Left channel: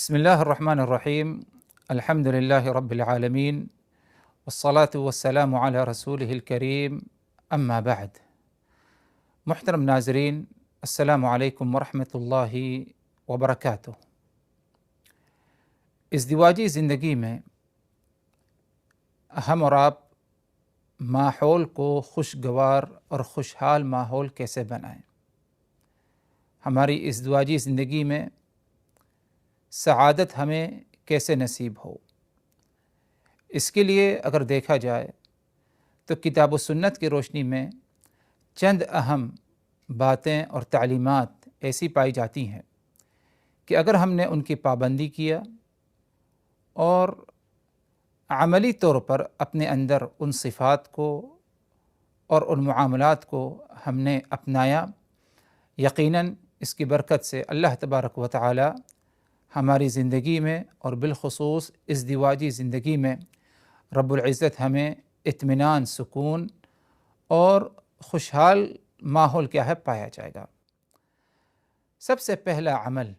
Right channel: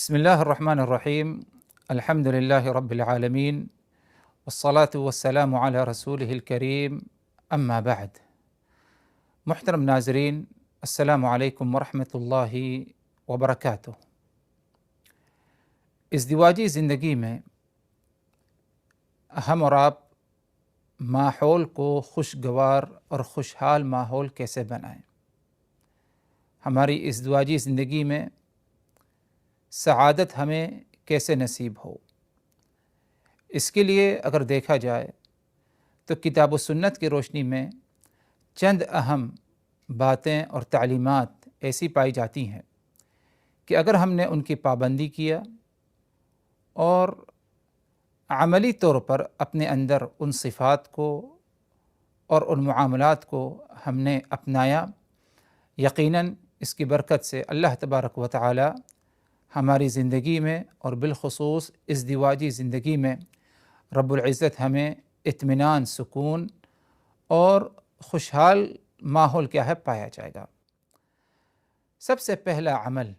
بسم الله الرحمن الرحيم. الحمد لله رب العالمين، والصلاة والسلام على رسوله الكريم، أما بعد. محترم ناظرین، السلام علیکم ورحمۃ اللہ وبرکاتہ۔ ازدواجی زندگی میں ہم اور آپ ماحول کو خوشگوار اور خوشحال ماحول کیسے بنائیں؟ ہماری ازدواجی زندگی میں سعادت ہمیں کیسے نصیب ہو؟ اس کے لیے اگر دیکھا جائے تو کتاب و سنت کی روشنی میں چند اہم باتیں اور تعلیمات ایسی پائی جاتی ہیں کہ اگر ہم نے ان کی پابندی کیا اور عملی طور پر اپنے اندر ان صفات کو اور ان معاملات کو ہم نے اپنایا، یقیناً اس کی برکت سے اللہ تبارک و تعالی ہماری زندگی میں اور بالخصوص ازدواجی زندگی میں رب العزت ہمیں اطمینان، سکون اور خوشحال ماحول کیا ہے پایا جائے گا۔ سب سے پہلا عمل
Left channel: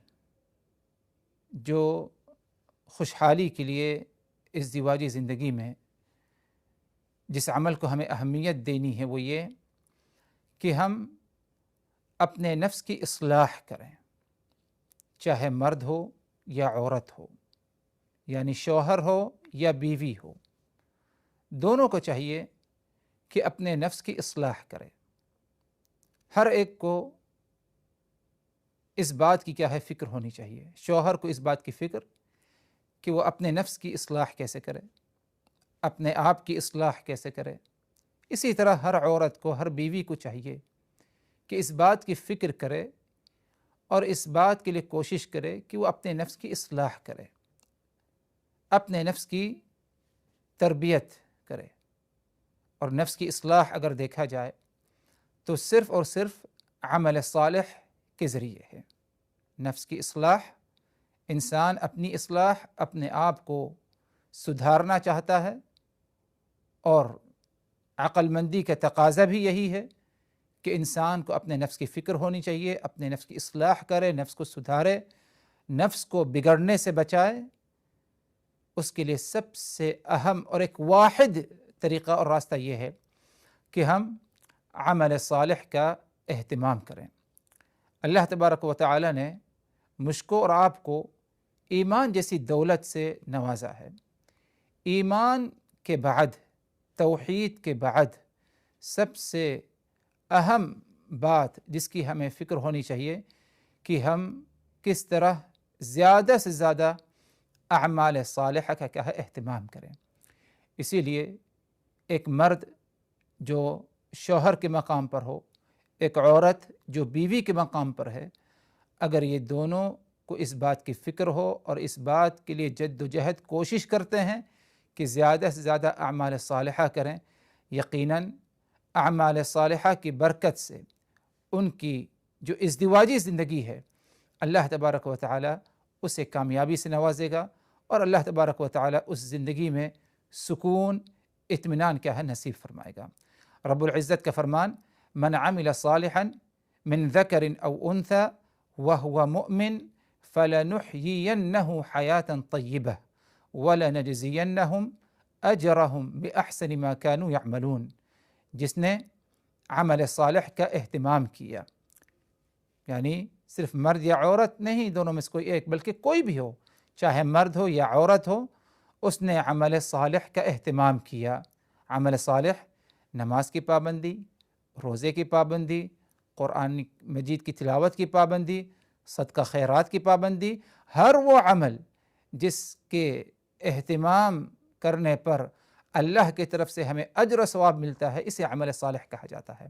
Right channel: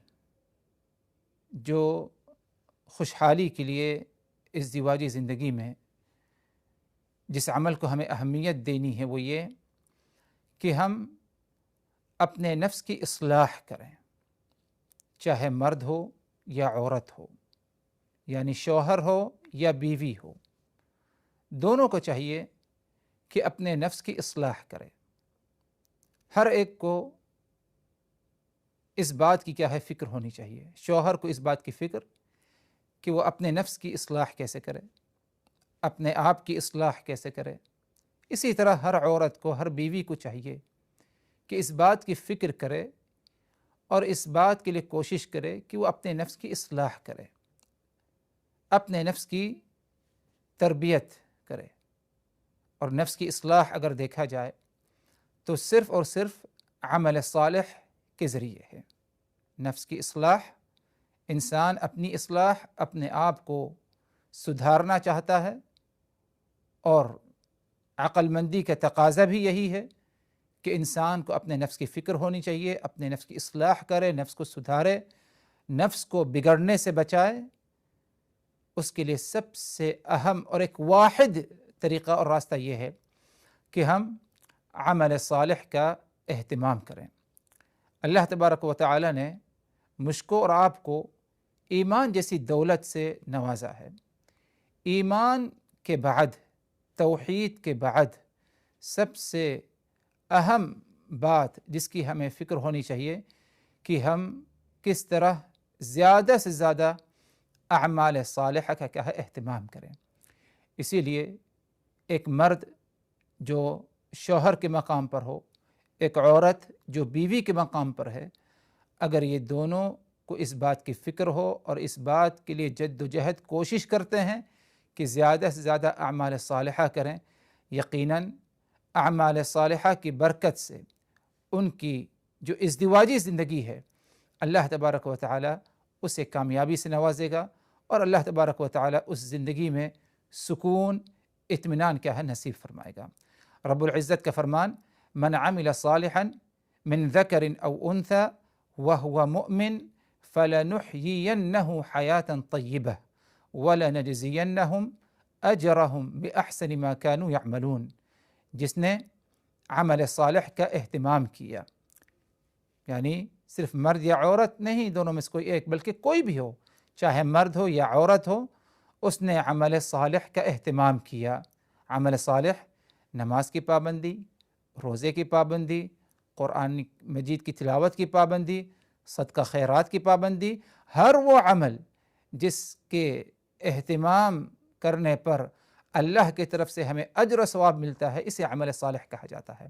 جو خوشحالی کے لیے ازدواجی زندگی میں جس عمل کو ہمیں اہمیت دینی ہے وہ یہ کہ ہم اپنے نفس کی اصلاح کریں، چاہے مرد ہو یا عورت ہو، یعنی شوہر ہو یا بیوی ہو، دونوں کو چاہیے کہ اپنے نفس کی اصلاح کرے۔ ہر ایک کو اس بات کی کیا ہے فکر ہونی چاہیے، شوہر کو اس بات کی فکر کہ وہ اپنے نفس کی اصلاح کیسے کرے، اپنے آپ کی اصلاح کیسے کرے۔ اسی طرح ہر عورت کو، ہر بیوی کو چاہیے کہ اس بات کی فکر کرے اور اس بات کے لیے کوشش کرے کہ وہ اپنے نفس کی اصلاح کرے، اپنے نفس کی تربیت کرے۔ اور نفس کی اصلاح اگر دیکھا جائے تو صرف اور صرف عمل صالح کے ذریعے ہے۔ نفس کی اصلاح، انسان اپنی اصلاح، اپنے آپ کو سدھارنا چاہتا ہے، اور عقل مندی کا تقاضا بھی یہی ہے کہ انسان کو اپنے نفس کی فکر ہونی چاہیے، اپنے نفس کی اصلاح کرے، نفس کو سدھارے، نفس کو بگڑنے سے بچائے۔ اس کے لیے سب سے اہم اور ایک واحد طریقہ اور راستہ یہ ہے کہ ہم عمل صالح کا اہتمام کریں۔ اللہ تبارک و تعالی نے مجھ کو اور آپ کو ایمان جیسی دولت سے نوازا ہے۔ ایمان کے بعد، توحید کے بعد سب سے اہم بات جس کی ہمیں فکر ہونی چاہیے کہ ہم کس طرح زیادہ سے زیادہ اعمال صالحہ کا کیا ہے اہتمام کریں۔ اسی لیے ایک مرد جو شوہر کے مقام پر ہو، ایک عورت جو بیوی کے مقام پر ہے، اگر یہ دونوں کو اس بات کی فکر ہو اور اس بات کے لیے جد و جہد کوشش کرتے ہیں کہ زیادہ سے زیادہ اعمال صالحہ کریں، یقیناً اعمال صالحہ کی برکت سے ان کی جو ازدواجی زندگی ہے اللہ تبارک و تعالی اسے کامیابی سے نوازے گا، اور اللہ تبارک و تعالی اس زندگی میں سکون، اطمینان کیا ہے نصیب فرمائے گا۔ رب العزت کا فرمان، من عمل صالحا من ذکر او انثى وهو مؤمن فلنحيينه حیاتا طیبہ ولنجزینهم اجرهم باحسن ما كانوا يعملون۔ جس نے عمل صالح کا اہتمام کیا، یعنی صرف مرد یا عورت نہیں، دونوں میں سے کوئی ایک، بلکہ کوئی بھی ہو، چاہے مرد ہو یا عورت ہو، اس نے عمل صالح کا اہتمام کیا۔ عمل صالح، نماز کی پابندی، روزے کی پابندی، قرآن مجید کی تلاوت کی پابندی، صدقہ خیرات کی پابندی، ہر وہ عمل جس کے اہتمام کرنے پر اللہ کی طرف سے ہمیں اجر و ثواب ملتا ہے، اسے عمل صالح کہا جاتا ہے۔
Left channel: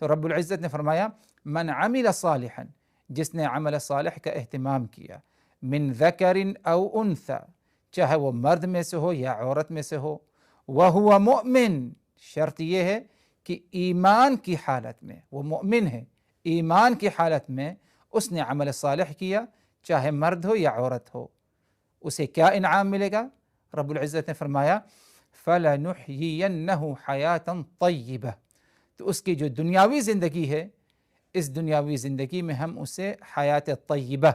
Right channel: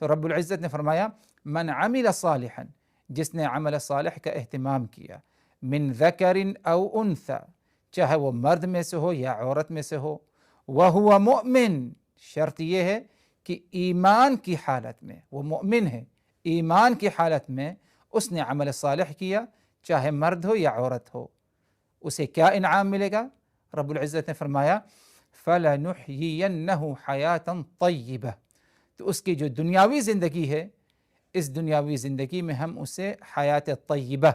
تو رب العزت نے فرمایا، من عمل صالحا، جس نے عمل صالح کا اہتمام کیا، من ذکر او انثى، چاہے وہ مرد میں سے ہو یا عورت میں سے ہو، وہو مؤمن، شرط یہ ہے کہ ایمان کی حالت میں، وہ مؤمن ہے، ایمان کی حالت میں اس نے عمل صالح کیا، چاہے مرد ہو یا عورت ہو، اسے کیا انعام ملے گا؟ رب العزت نے فرمایا، فَلَنُحْيِيَنَّهُ حَيَاةً طَيِّبَةً، تو اس کی جو دنیاوی زندگی ہے، اس دنیاوی زندگی میں ہم اسے حیات طیبہ،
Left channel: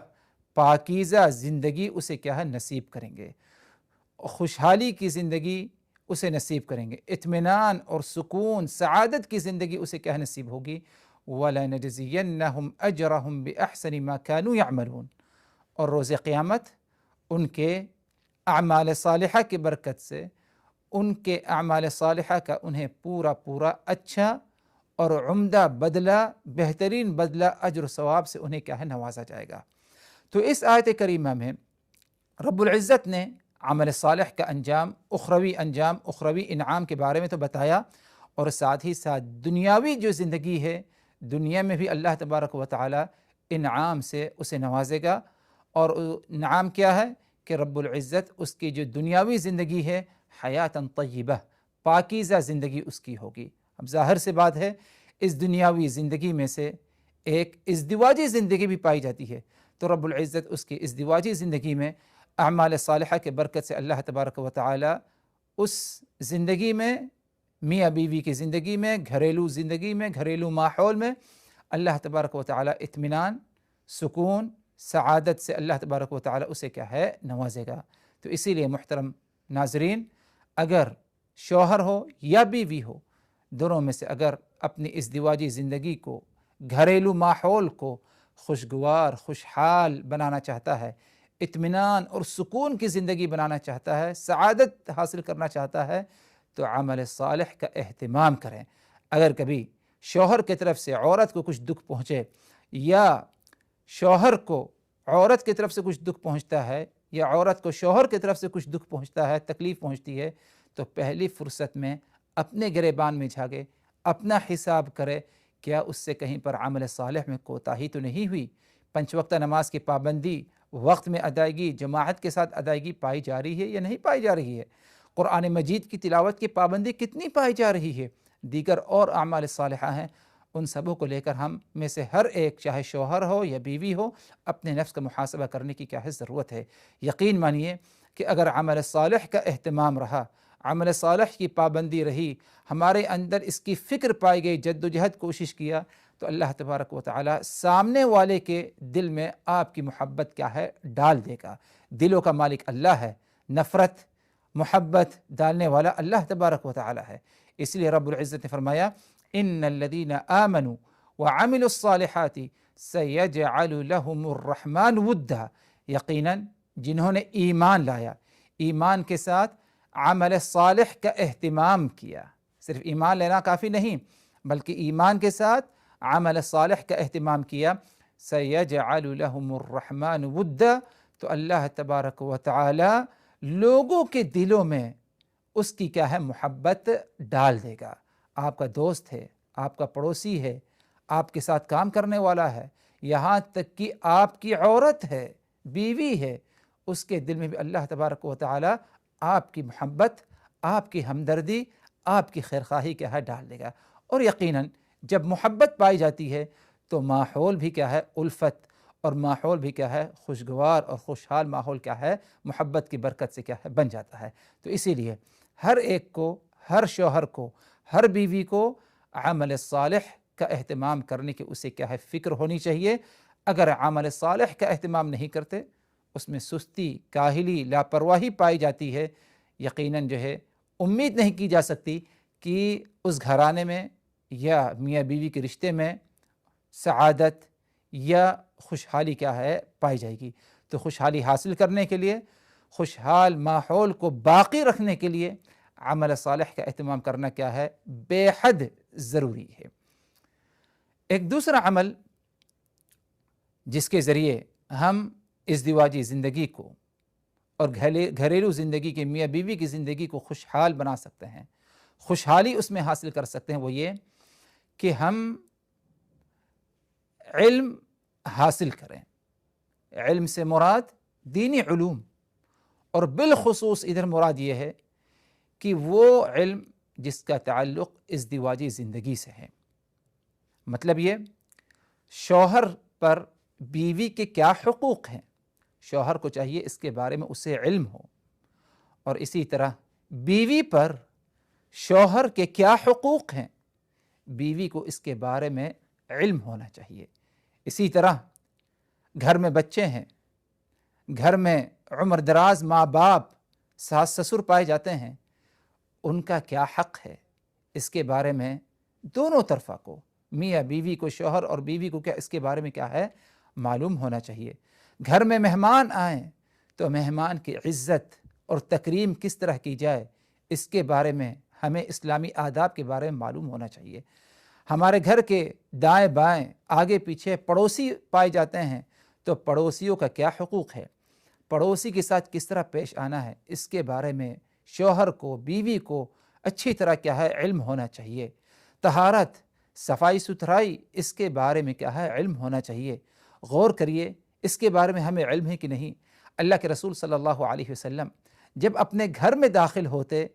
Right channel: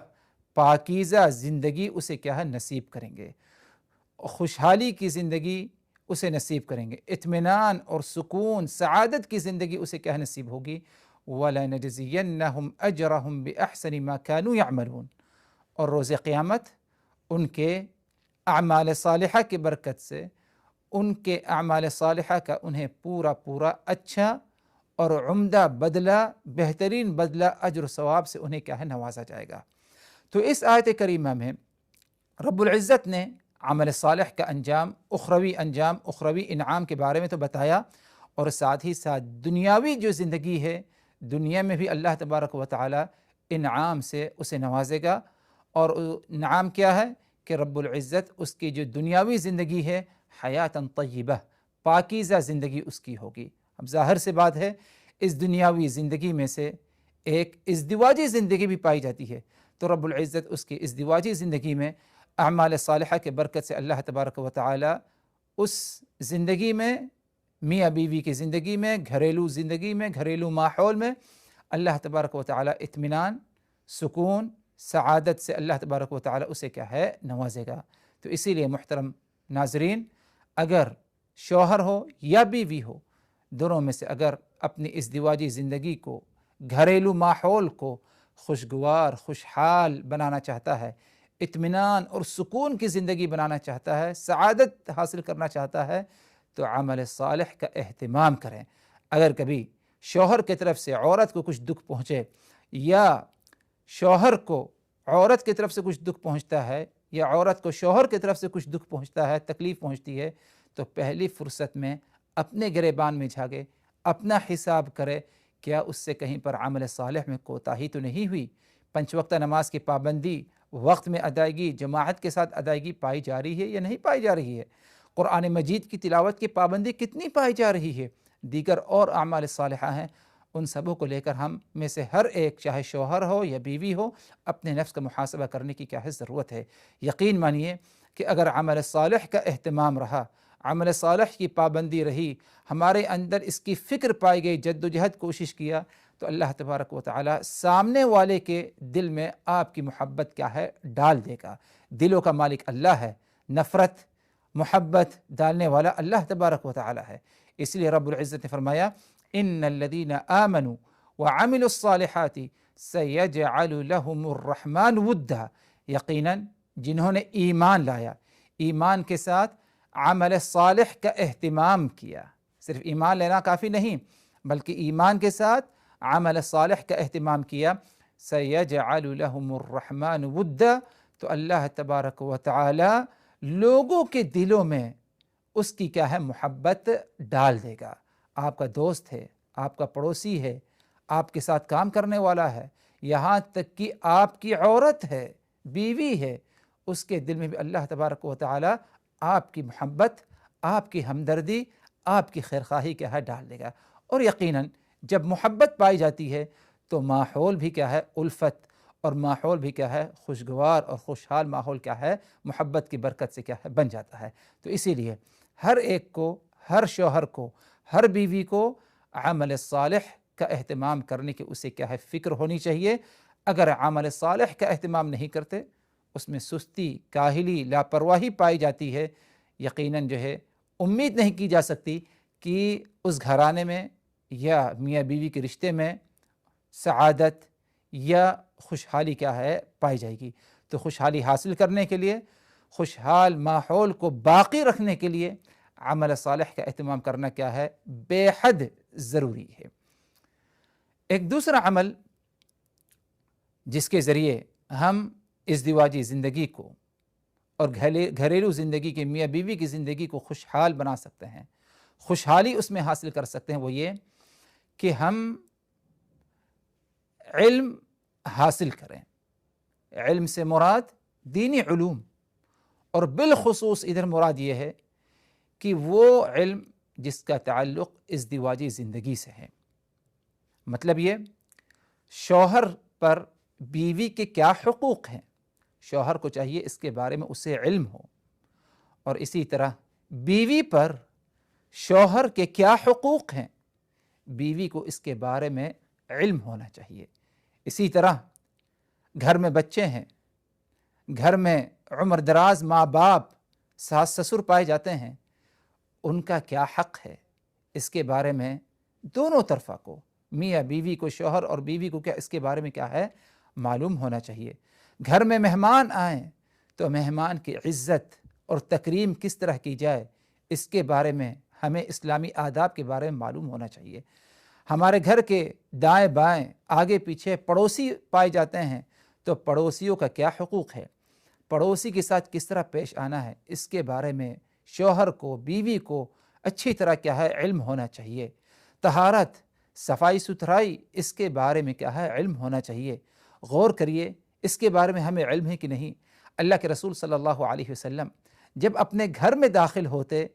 پاکیزہ زندگی اسے کیا ہے نصیب کریں گے، خوشحالی کی زندگی اسے نصیب کریں گے، اطمینان اور سکون سعادت کی زندگی اسے کیا ہے نصیب ہوگی۔ وَلَنَجْزِيَنَّهُمْ أَجْرَهُمْ بِأَحْسَنِ مَا كَانُوا يَعْمَلُونَ، اور روز قیامت ان کے اعمال صالحہ کی برکت سے، ان کے اعمال صالحہ کا انہیں پورا پورا اچھا اور عمدہ بدلہ، بہترین بدلہ اجر و ثواب سے انہیں کیا ہے نوازا جائے گا۔ تو اس آیت کریمہ میں رب العزت نے عمل صالح کا انجام، اخروی انعام کے بارے میں تو بتایا، اور ساتھ ہی ساتھ دنیاوی جو زندگی ہے، دنیا میں بھی اللہ تبارک و تعالی انعام سے اسے نوازے گا۔ اور انعام کیا ہے کہ رب العزت اس کی جو دنیاوی زندگی ہے حیاتاً طیبہ، پاکیزہ زندگی اس کی ہوگی۔ اب ظاہر سے بات ہے اس دنیاوی زندگی میں سے ایک ازدواجی زندگی بھی پائی جاتی ہے، تو رب العزت اس کی ازدواجی زندگی میں اعمال صالحہ کے برکت سے اللہ تبارک و تعالی اس زندگی میں، میاں بیوی کی زندگی میں، گھریلو زندگی میں، گھریلو ماحول میں اللہ تبارک و تعالی اطمینان، سکون، سعادت سے اللہ تبارک و تعالی اسے کیا ہے نوازے گا۔ تو اسی لیے محترم ناظرین، اگر شوہر ہو یا بیوی ہو، دونوں میں سے اگر اپنی ازدواجی زندگی کو، گھریلو ماحول کو خوشگوار، خوشحال بنانا چاہتا ہے، اطمینان اور سکون کی زندگی بنانا چاہتا ہے، سعادت حاصل کرنا چاہتا ہے، تو عمل صالح کا اہتمام کریں۔ اگر کبھی شوہر کی طرف سے عورت کو کچھ دکھ پہنچے، یا شوہر کو عورت کی طرف سے کچھ دکھ پہنچتا ہے، یا عورت کو شوہر کی طرف سے کچھ دکھ پہنچتا ہے، تکلیف پہنچتی ہے، تو پہلی فرصت میں اپنے گریبان میں جھاگے، اپنا حساب کرے، کیا اس سے کہیں پر عمل صالح میں کوتاہی تو نہیں ہوئی؟ 5 وقتہ نماز کی پابندی، وقت میں ادائیگی، جماعت کے ساتھ ادائیگی پائی جا رہی ہے یا نہیں پائی جا رہی ہے؟ قرآن مجید کی تلاوت کی پابندی کتنی پائی جا رہی ہے؟ دیگر اور اعمال صالحہ ہیں، ان سبوں کو لے کر ہم میں سے ہر ایک، چاہے شوہر ہو یا بیوی ہو، اپنے نفس کا محاسبہ کرنے کی کیا ہے ضرورت ہے۔ یقین مانیے کہ اگر عمل صالح کا اہتمام رہا، عمل صالح کی پابندی رہی، ہمارے اندر اس کی فکر پائی گئی، جد و جہد کوشش کیا، تو اللہ تبارک و تعالی سامنے والے کے دل میں آپ کی محبت کیا ہے ڈال دے گا۔ دلوں کا مالک اللہ ہے، نفرت، محبت ڈالنے والا اللہ تبارک و تعالی ہے۔ اس لیے رب العزت نے فرمایا، ان الذین آمنوا وعملوا الصالحات سیجعل لهم الرحمن ودا، یقیناً جنہوں نے ایمان لایا، ایمان کے ساتھ عمل صالح کا اہتمام کیا، صرف ایمان لینا کافی نہیں بلکہ ایمان کے ساتھ عمل صالح کا اہتمام کیا، سیجعل لهم الرحمن ودا، تو اللہ تبارک و تعالی لوگوں کے دلوں میں اس کی کیا ہے محبت ڈال دے گا۔ آپ کا دوست ہے، آپ کا پڑوسی ہے، آپ کے ساتھ کام کرنے والا ہے، یہاں تک کہ آپ کی عورت ہے، بیوی ہے، اس کے دل میں بھی اللہ تبارک و تعالی آپ کی محبت، آپ کی ہمدردی، آپ کی خیرخواہی کیا ہے ڈال دے گا۔ اور یقیناً جب محبت پائی جاتی ہے تو ماحول بھی کیا ہے الفت، اور ماحول بھی کیا ہے خوشگوار اور خوشحال ماحول کیا ہے محبت کی برکت سے کیا ہے بن جاتا ہے۔ تو اسی لیے ہر ایک کو، ہر شوہر کو، ہر بیوی کو عمل صالح کا اہتمام کرنے کی اسے کیا ہے فکر ہونی چاہیے۔ اگر عمل صالح کا اہتمام نہیں کرتے، اس میں سستی، کاہلی، لاپرواہی پائی جاتی ہے، یقیناً جو ہے امید نہیں کی جا سکتی کہ اس گھرانے میں یا میاں بیوی کے رشتے میں سعادت یا خوشحالی کیا ہے پائی جائے گی۔ تو خوشحالی حاصل کرنے کے لیے، خوشحال ماحول کو باقی رکھنے کے لیے عمل صالح کا اہتمام کرنا کیا ہے بے حد ضروری ہے۔ ایک دوسرا عمل جس کے ذریعے ہم ازدواجی زندگی کو اور گھریلو زندگی کی، میاں بیوی کی زندگی کو خوشحال بنا سکتے ہیں، خوشحالی اس میں حاصل کر سکتے ہیں، وہ یہ کہ ہم علم حاصل کریں۔ علم سے مراد دینی علوم، اور بالخصوص ادھر مراد یہ ہے کہ وہ علم جس کا تعلق ازدواجی زندگی سے ہے۔ مطلب یہ، شوہر پر بیوی کے کیا حقوق ہیں، شوہر کو چاہیے اس کے بارے میں اسے علم ہو، اور اسی طرح بیوی پر شوہر کے کیا حقوق ہیں، بیوی کو اس کے بارے میں علم ہونا چاہیے۔ اسی طرح گھر میں بچے ہیں، گھر میں عمر دراز ماں باپ ساس سسر پائے جاتے ہیں، ان کا کیا حق ہے، اس کے بارے میں دونوں طرفہ کو، میاں بیوی کو، شوہر اور بیوی کو، کیا اس کے بارے میں کیا ہے معلوم ہونا چاہیے۔ گھر میں مہمان آئیں تو مہمان کی عزت اور تکریم کس طرح کی جائے، اس کے بارے میں ہمیں اسلامی آداب کے بارے میں معلوم ہونا چاہیے۔ ہمارے گھر کے دائیں بائیں آگے پیچھے پڑوسی پائے جاتے ہیں تو پڑوسیوں کا کیا حقوق ہے، پڑوسی کے ساتھ کس طرح پیش آنا ہے، اس کے بارے میں شوہر کو، بیوی کو اچھی طرح کیا ہے علم ہونا چاہیے۔ طہارت، صفائی ستھرائی، اس کے بارے میں کیا ہے علم ہونا چاہیے۔ غور کریے اس کے بارے میں ہمیں علم ہے کہ نہیں۔ اللہ کے رسول صلی اللہ علیہ وسلم جب اپنے گھر میں داخل ہوتے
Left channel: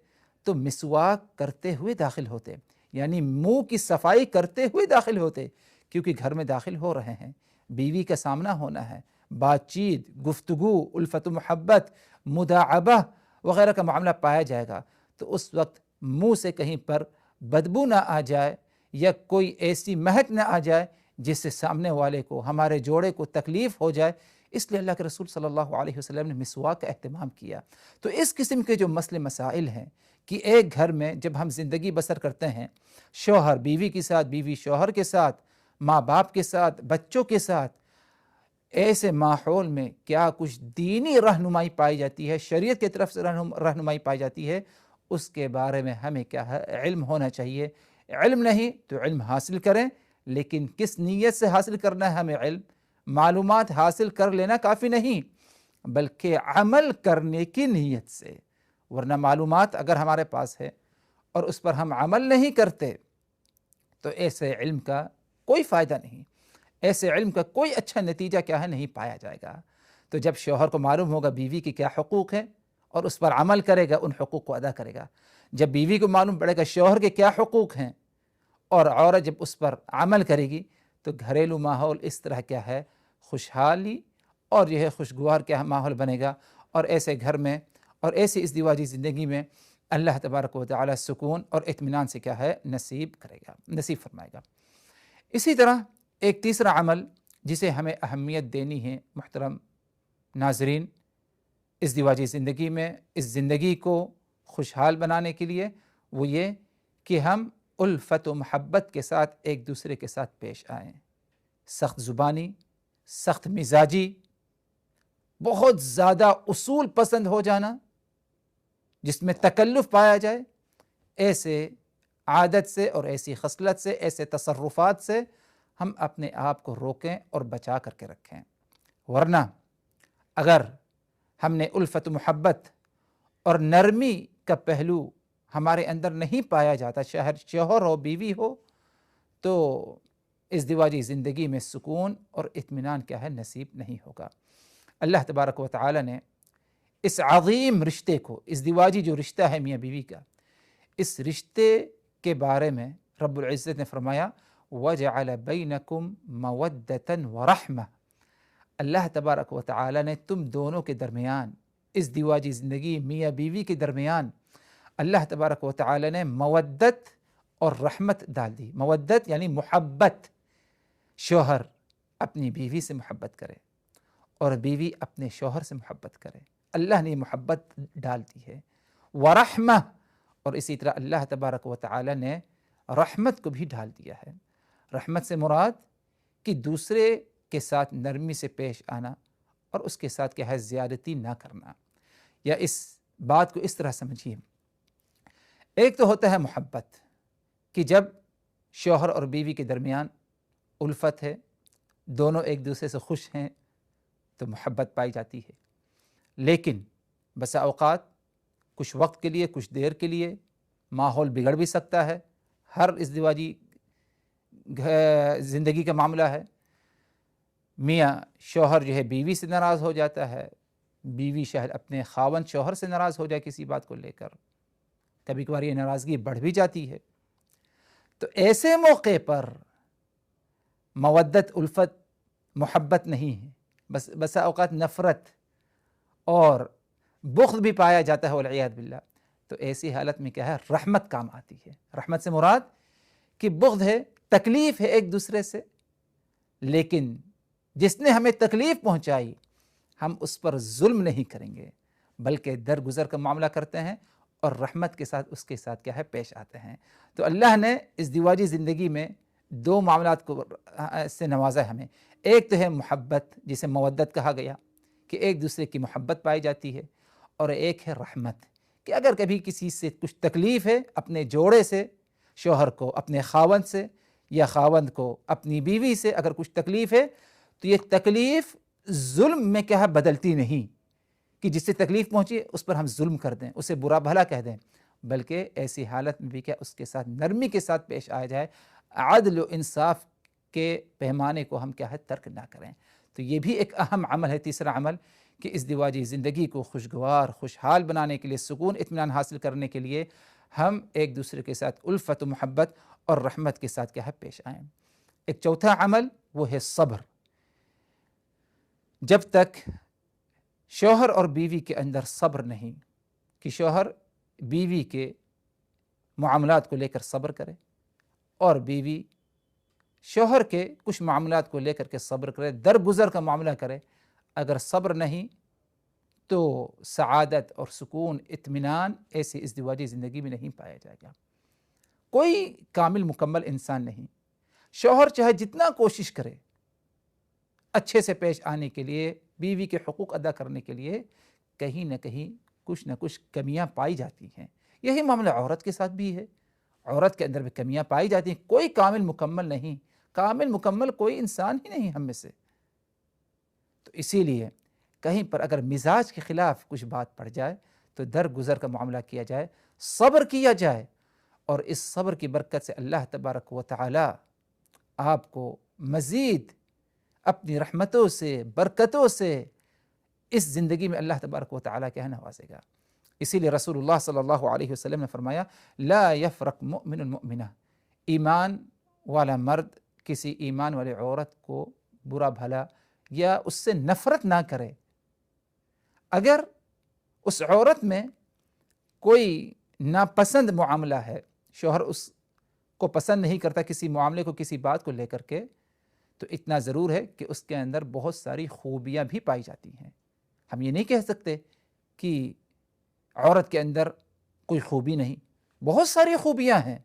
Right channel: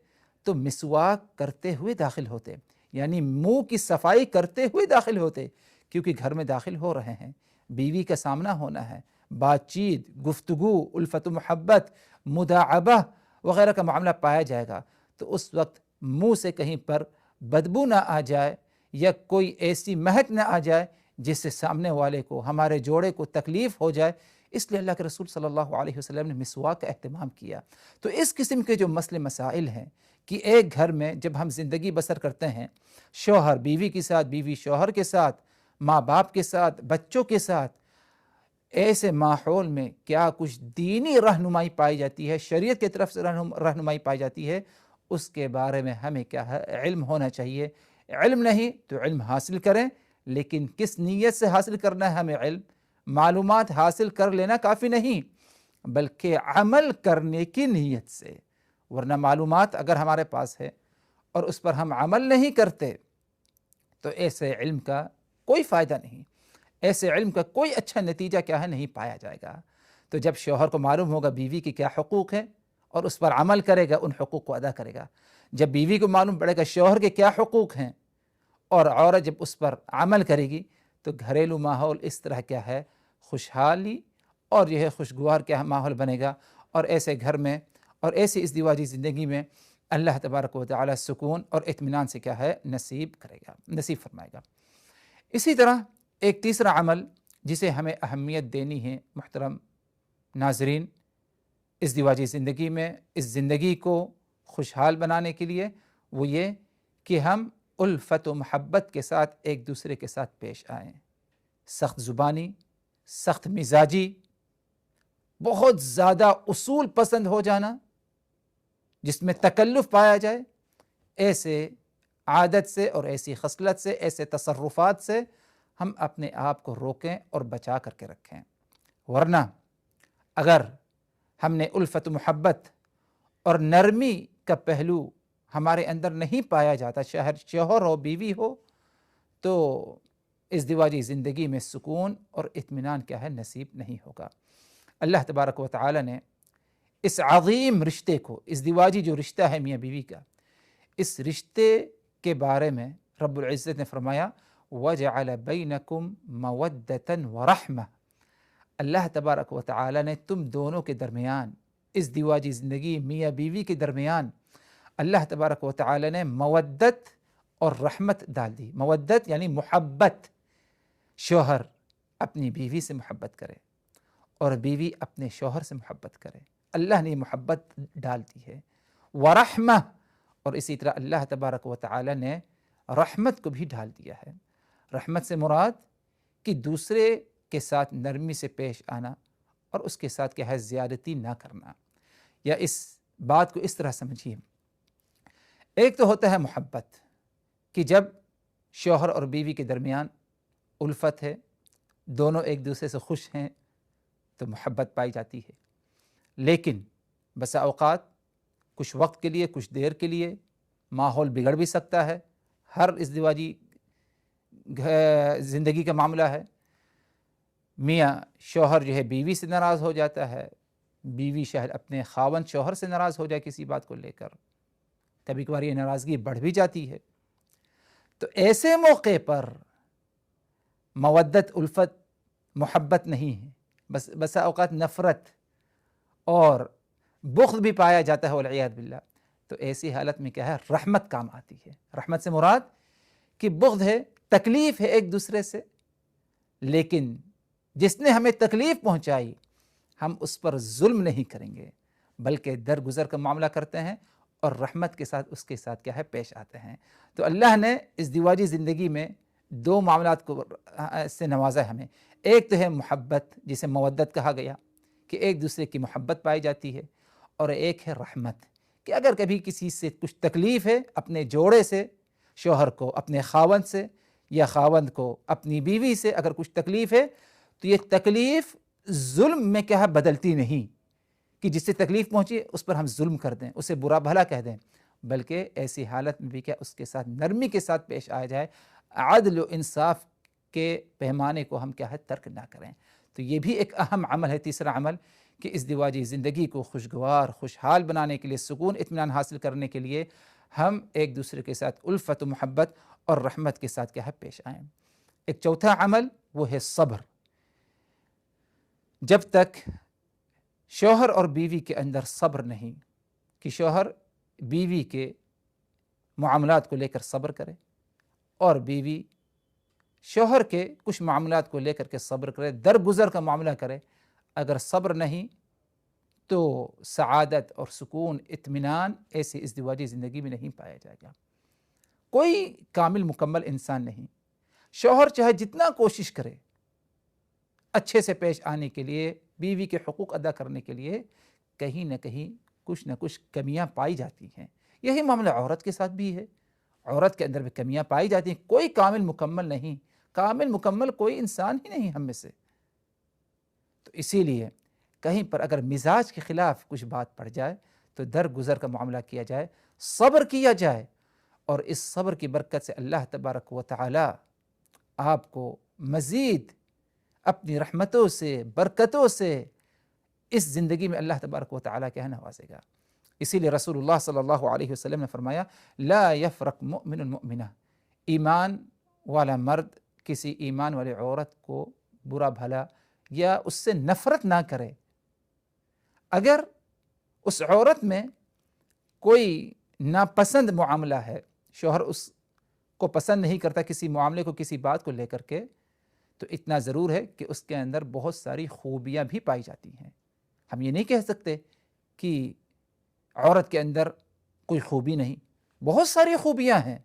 تو مسواک کرتے ہوئے داخل ہوتے، یعنی منہ کی صفائی کرتے ہوئے داخل ہوتے، کیونکہ گھر میں داخل ہو رہے ہیں، بیوی کا سامنا ہونا ہے، بات چیت، گفتگو، الفت و محبت، مداعبہ وغیرہ کا معاملہ پایا جائے گا، تو اس وقت منہ سے کہیں پر بدبو نہ آ جائے یا کوئی ایسی مہک نہ آ جائے جس سے سامنے والے کو، ہمارے جوڑے کو تکلیف ہو جائے، اس لیے اللہ کے رسول صلی اللہ علیہ وسلم نے مسواک کا اہتمام کیا۔ تو اس قسم کے جو مسئلے مسائل ہیں کہ ایک گھر میں جب ہم زندگی بسر کرتے ہیں، شوہر بیوی کے ساتھ، بیوی شوہر کے ساتھ، ماں باپ کے ساتھ، بچوں کے ساتھ، ایسے ماحول میں کیا کچھ دینی رہنمائی پائی جاتی ہے، شریعت کی طرف سے رہنمائی پائی جاتی ہے، اس کے بارے میں ہمیں کیا ہے علم ہونا چاہیے۔ علم نہیں تو علم حاصل کریں، لیکن کس نیت سے حاصل کرنا ہے ہمیں علم؟ معلومات حاصل کر لینا کافی نہیں، بلکہ عمل کرنے کی نیت سے۔ ورنہ معلومات اگر ہمارے پاس ہے اور اس پر ہم عمل نہیں کرتے تو ایسے علم کا کوئی فائدہ نہیں، ایسے علم کا کوئی اچھا نتیجہ کیا ہے نہیں پایا جائے گا۔ تو جب شوہر کو معلوم ہوگا بیوی کی کیا حقوق ہے اور اس پر عمل کرے گا، ان حقوق کو ادا کرے گا، جب بیوی کو معلوم پڑے گا شوہر کے کیا حقوق ہیں اور عورت جب اس پر عمل کرے گی، تو گھریلو ماحول اس طرح کیا ہے خوشحالی اور یہ ہے خوشگوار کیا ماحول بنے گا، اور ایسے گھر میں اور ایسی ازدواجی زندگی میں اللہ تبارک و تعالی سکون اور اطمینان سے کیا ہے نصیب کرے گا، نصیب فرمائے گا۔ اسی طرح ایک تیسرا عمل جسے ہمیں اہمیت دینی ہے محترم ناظرین ازدواجی زندگی میں، اس زندگی کو خوشحال بنانے کے لیے، وہ یہ کہ ہم الفت و محبت کے ساتھ ایک دوسرے کے ساتھ پیش آئیں۔ سخت زبانی، سخت مزاجی، بہت زیادہ اصول پسند ہو جانا جس میں تکلف پایا جائے، ایسے عادت سے اور ایسی خصلت سے، ایسے تصرفات سے ہم اپنے آپ کو روکیں اور بچا کر کے رکھیں۔ ورنہ اگر ہم نے الفت محبت اور نرمی کا پہلو ہمارے اندر نہیں پایا جاتا، شوہر ہو بیوی ہو، تو ازدواجی زندگی میں سکون اور اطمینان کیا ہے نصیب نہیں ہوگا۔ اللہ تبارک و تعالی نے اس عظیم رشتے کو، ازدواجی جو رشتہ ہے میاں بیوی کا، اس رشتے کے بارے میں رب العزت نے فرمایا وَجَعَلَ بَيْنَكُمْ مَوَدَّةً وَرَحْمَةً۔ اللہ تبارک و تعالی نے تم دونوں کے درمیان، ازدواجی زندگی میاں بیوی کے درمیان، اللہ تبارک و تعالی نے مودت اور رحمت ڈال دی۔ مودت یعنی محبت، شوہر اپنی بیوی سے محبت کرے اور بیوی اپنے شوہر سے محبت کرے، اللہ نے محبت ڈال دی ہے۔ ورحمہ، اور اسی طرح اللہ تبارک و تعالی نے رحمت کو بھی ڈال دیا ہے۔ رحمت سے مراد کہ دوسرے کے ساتھ نرمی سے پیش آنا اور اس کے ساتھ کیا ہے زیادتی نہ کرنا، یا اس بات کو اس طرح سمجھیے، ایک تو ہوتا ہے محبت کہ جب شوہر اور بیوی کے درمیان الفت ہے، دونوں ایک دوسرے سے خوش ہیں تو محبت پائی جاتی ہے، لیکن بسا اوقات کچھ وقت کے لیے، کچھ دیر کے لیے ماحول بگڑ بھی سکتا ہے۔ ہر ازدواجی زندگی کا معاملہ ہے، میاں شوہر جو ہے بیوی سے ناراض ہو جاتا ہے، بیوی شاید اپنے خاوند شوہر سے ناراض ہو جائے کسی بات کو لے کر، کبھی کبھار یہ ناراضگی بڑھ بھی جاتی ہے۔ تو ایسے موقع پر مودت، الفت، محبت نہیں ہے، بسا اوقات نفرت اور بغض بھی پایا جاتا ہے والعیاذ باللہ۔ تو ایسی حالت میں کیا ہے رحمت کام آتی ہے۔ رحمت سے مراد کہ بغض ہے، تکلیف ہے ایک دوسرے سے، لیکن جس نے ہمیں تکلیف پہنچائی ہم اس پر ظلم نہیں کریں گے بلکہ درگزر کا معاملہ کرتے ہیں اور رحمت کے ساتھ اس کے ساتھ کیا ہے پیش آتے ہیں. تو اللہ نے اس ازدواجی زندگی میں دو معاملات کو سے نوازا ہے ہمیں. ایک تو ہے محبت جسے مودت کہا گیا کہ ایک دوسرے کی محبت پائی جاتی ہے، اور ایک ہے رحمت کہ اگر کبھی کسی سے کچھ تکلیف ہے، اپنے جوڑے سے، شوہر کو اپنے خاوند سے یا خاوند کو اپنی بیوی سے اگر کچھ تکلیف ہے تو یہ تکلیف ظلم میں کیا ہے بدلتی نہیں کہ جس سے تکلیف پہنچی اس پر ہم ظلم کر دیں، اسے برا بھلا کہہ دیں، بلکہ ایسی حالت میں بھی کیا اس کے ساتھ نرمی کے ساتھ پیش آیا جائے، عدل و انصاف کے پیمانے کو ہم کیا ہے ترک نہ کریں. تو یہ بھی ایک اہم عمل ہے. تیسرا عمل کہ ازدواجی زندگی کو خوشگوار خوشحال بنانے کے لیے، سکون اطمینان حاصل کرنے کے لیے ہم ایک دوسرے کے ساتھ الفت و محبت اور رحمت کے ساتھ کیا ہے پیش آئیں. ایک چوتھا عمل وہ ہے صبر. جب تک شوہر اور بیوی کے اندر صبر نہیں کہ شوہر بیوی کے معاملات کو لے کر صبر کرے اور بیوی شوہر کے کچھ معاملات کو لے کر کے صبر کرے، درگزر کا معاملہ کرے، اگر صبر نہیں تو سعادت اور سکون اطمینان ایسی ازدواجی زندگی میں نہیں پایا جائے گا. کوئی کامل مکمل انسان نہیں. شوہر چاہے جتنا کوشش کرے اچھے سے پیش آنے کے لیے، بیوی کے حقوق ادا کرنے کے لیے، کہیں نہ کہیں کچھ نہ کچھ کمیاں پائی جاتی ہیں. یہی معاملہ عورت کے ساتھ بھی ہے. عورت کے اندر بھی کمیاں پائی جاتی ہیں. کوئی کامل مکمل نہیں. کامل مکمل کوئی انسان ہی نہیں ہم میں سے. تو اسی لیے کہیں پر اگر مزاج کے خلاف کچھ بات پڑ جائے تو درگزر کا معاملہ کیا جائے، صبر کیا جائے، اور اس صبر کی برکت سے اللہ تبارک و تعالی آپ کو مزید اپنی رحمتوں سے، برکتوں سے اس زندگی میں اللہ تبارک و تعالی کیا نوازے گا. اسی لیے رسول اللہ صلی اللہ علیہ وسلم نے فرمایا لا یفرق مؤمن المؤمنہ، ایمان والا مرد کسی ایمان والی عورت کو برا بھلا یا اس سے نفرت نہ کرے. اگر اس عورت میں کوئی ناپسند معاملہ ہے، شوہر اس کو پسند نہیں کرتا کسی معاملے کو، کسی بات کو لے کر کے، تو اتنا ضرور ہے کہ اس کے اندر بہت ساری خوبیاں بھی پائی جاتی ہیں. ہم یہ نہیں کہہ سکتے کہ عورت کے اندر کوئی خوبی نہیں. بہت ساری خوبیاں ہیں.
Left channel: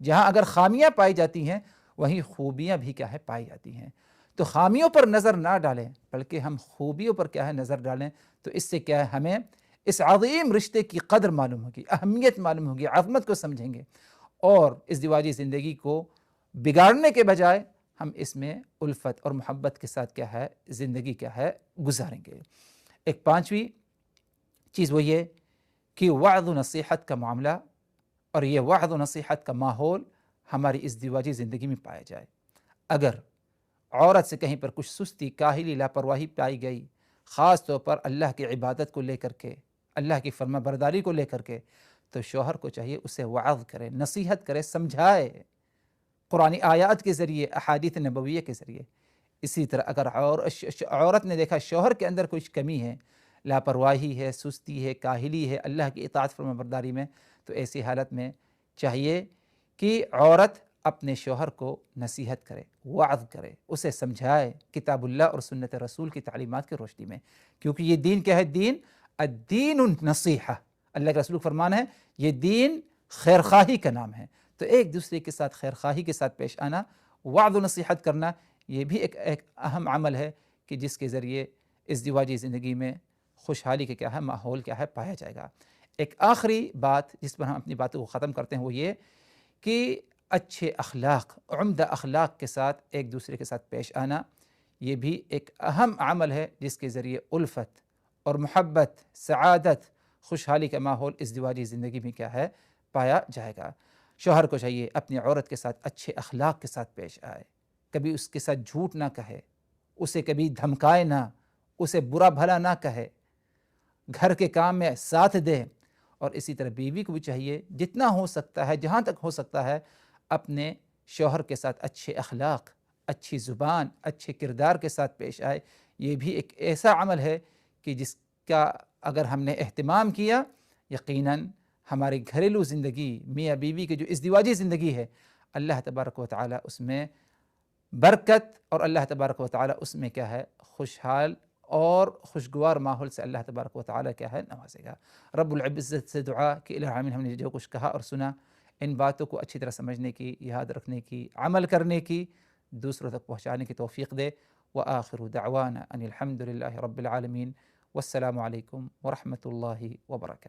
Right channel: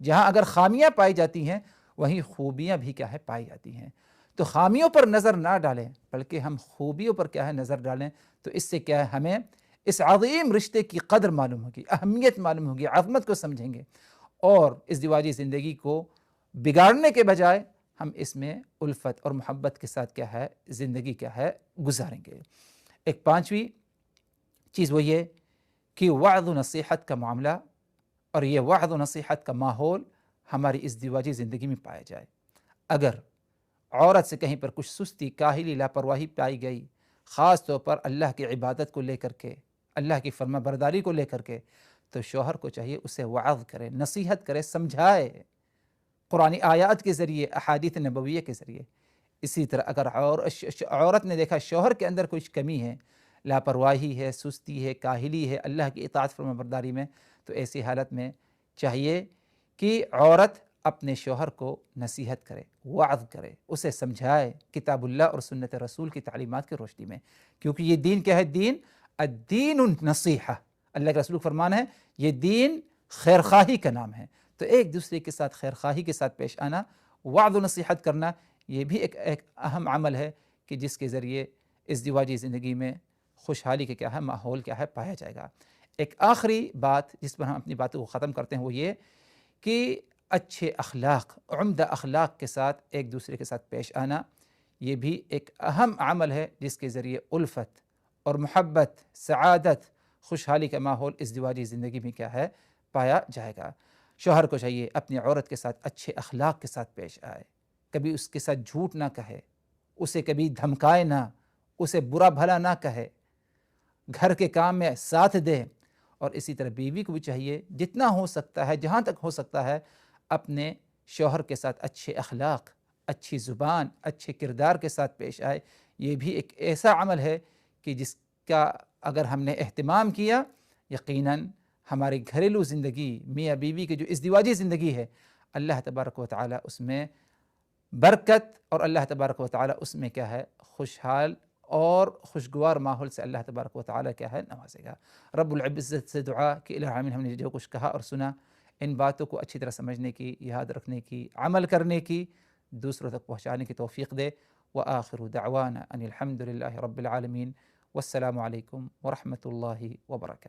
جہاں اگر خامیاں پائی جاتی ہیں وہیں خوبیاں بھی کیا ہے پائی جاتی ہیں. تو خامیوں پر نظر نہ ڈالیں بلکہ ہم خوبیوں پر کیا ہے نظر ڈالیں. تو اس سے کیا ہے ہمیں اس عظیم رشتے کی قدر معلوم ہوگی، اہمیت معلوم ہوگی، عظمت کو سمجھیں گے، اور ازدواجی زندگی کو بگاڑنے کے بجائے ہم اس میں الفت اور محبت کے ساتھ کیا ہے زندگی کیا ہے گزاریں گے. ایک پانچویں چیز وہ یہ کہ وعظ و نصیحت کا معاملہ اور یہ وعظ و نصیحت کا ماحول ہماری ازدواجی زندگی میں پایا جائے. اگر عورت سے کہیں پر کچھ سستی، کاہلی، لاپرواہی پائی گئی، خاص طور پر اللہ کی عبادت کو لے کر کے، اللہ کی فرما برداری کو لے کر کے، تو شوہر کو چاہیے اسے وعظ کرے، نصیحت کرے، سمجھائے قرآن آیات کے ذریعے، احادیث نبویہ کے ذریعے. اسی طرح اگر عورت نے دیکھا شوہر کے اندر کچھ کمی ہے، لاپرواہی ہے، سستی ہے، کاہلی ہے اللہ کی اطاعت فرما برداری میں، تو ایسی حالت میں چاہیے کہ عورت اپنے شوہر کو نصیحت کرے، وعظ کرے، اسے سمجھائے کتاب اللہ اور سنت رسول کی تعلیمات کی روشنی میں. کیونکہ یہ دین کیا ہے؟ دین الدین النصیحہ. اللہ کے رسول فرمان ہے یہ دین خیرخواہی کا نام ہے. تو ایک دوسرے کے ساتھ خیرخواہی کے ساتھ پیش آنا، وعظ و نصیحت کرنا، یہ بھی ایک اہم عمل ہے کہ جس کے ذریعے ازدواجی زندگی میں خوشحالی کا کیا ہے ماحول کیا ہے پایا جائے گا. ایک آخری بات جس پر ہم اپنی باتوں کو ختم کرتے ہیں وہ یہ کہ اچھے اخلاق، عمدہ اخلاق کے ساتھ ایک دوسرے کے ساتھ پیش آنا، یہ بھی ایک اہم عمل ہے جس کے ذریعے الفت اور محبت، سعادت، خوشحالی کا ماحول ازدواجی زندگی میں کیا ہے پایا جائے گا. شوہر کو چاہیے اپنی عورت کے ساتھ اچھے اخلاق کے ساتھ پیش آئے، کبھی اس کے ساتھ جھوٹ نہ کہے، اسے کبھی دھمکائے نہ، اسے برا بھلا نہ کہے، گھر کے کام میں ساتھ دے. اور اسی طرح بیوی کو بھی چاہیے جتنا ہو سکتا ہے، جہاں تک ہو سکتا ہے، اپنے شوہر کے ساتھ اچھے اخلاق، اچھی زبان، اچھے کردار کے ساتھ پیش آئے. یہ بھی ایک ایسا عمل ہے کہ جس کا اگر ہم نے اہتمام کیا، یقیناً ہماری گھریلو زندگی، میاں بیوی کی جو ازدواجی زندگی ہے، اللہ تبارک و تعالی اس میں برکت اور اللہ تبارک و تعالی اس میں کیا ہے خوشحال اور خوشگوار ماحول سے اللہ تبارک و تعالیٰ کیا ہے نوازے گا۔ رب العزت سے دعا کہ الہ العالمین ہم نے جو کچھ کہا اور سنا ان باتوں کو اچھی طرح سمجھنے کی، یاد رکھنے کی، عمل کرنے کی، دوسروں تک پہنچانے کی توفیق دے۔ وآخر دعوانا ان الحمد للہ رب العالمین، والسلام علیکم ورحمۃ اللہ وبرکاتہ۔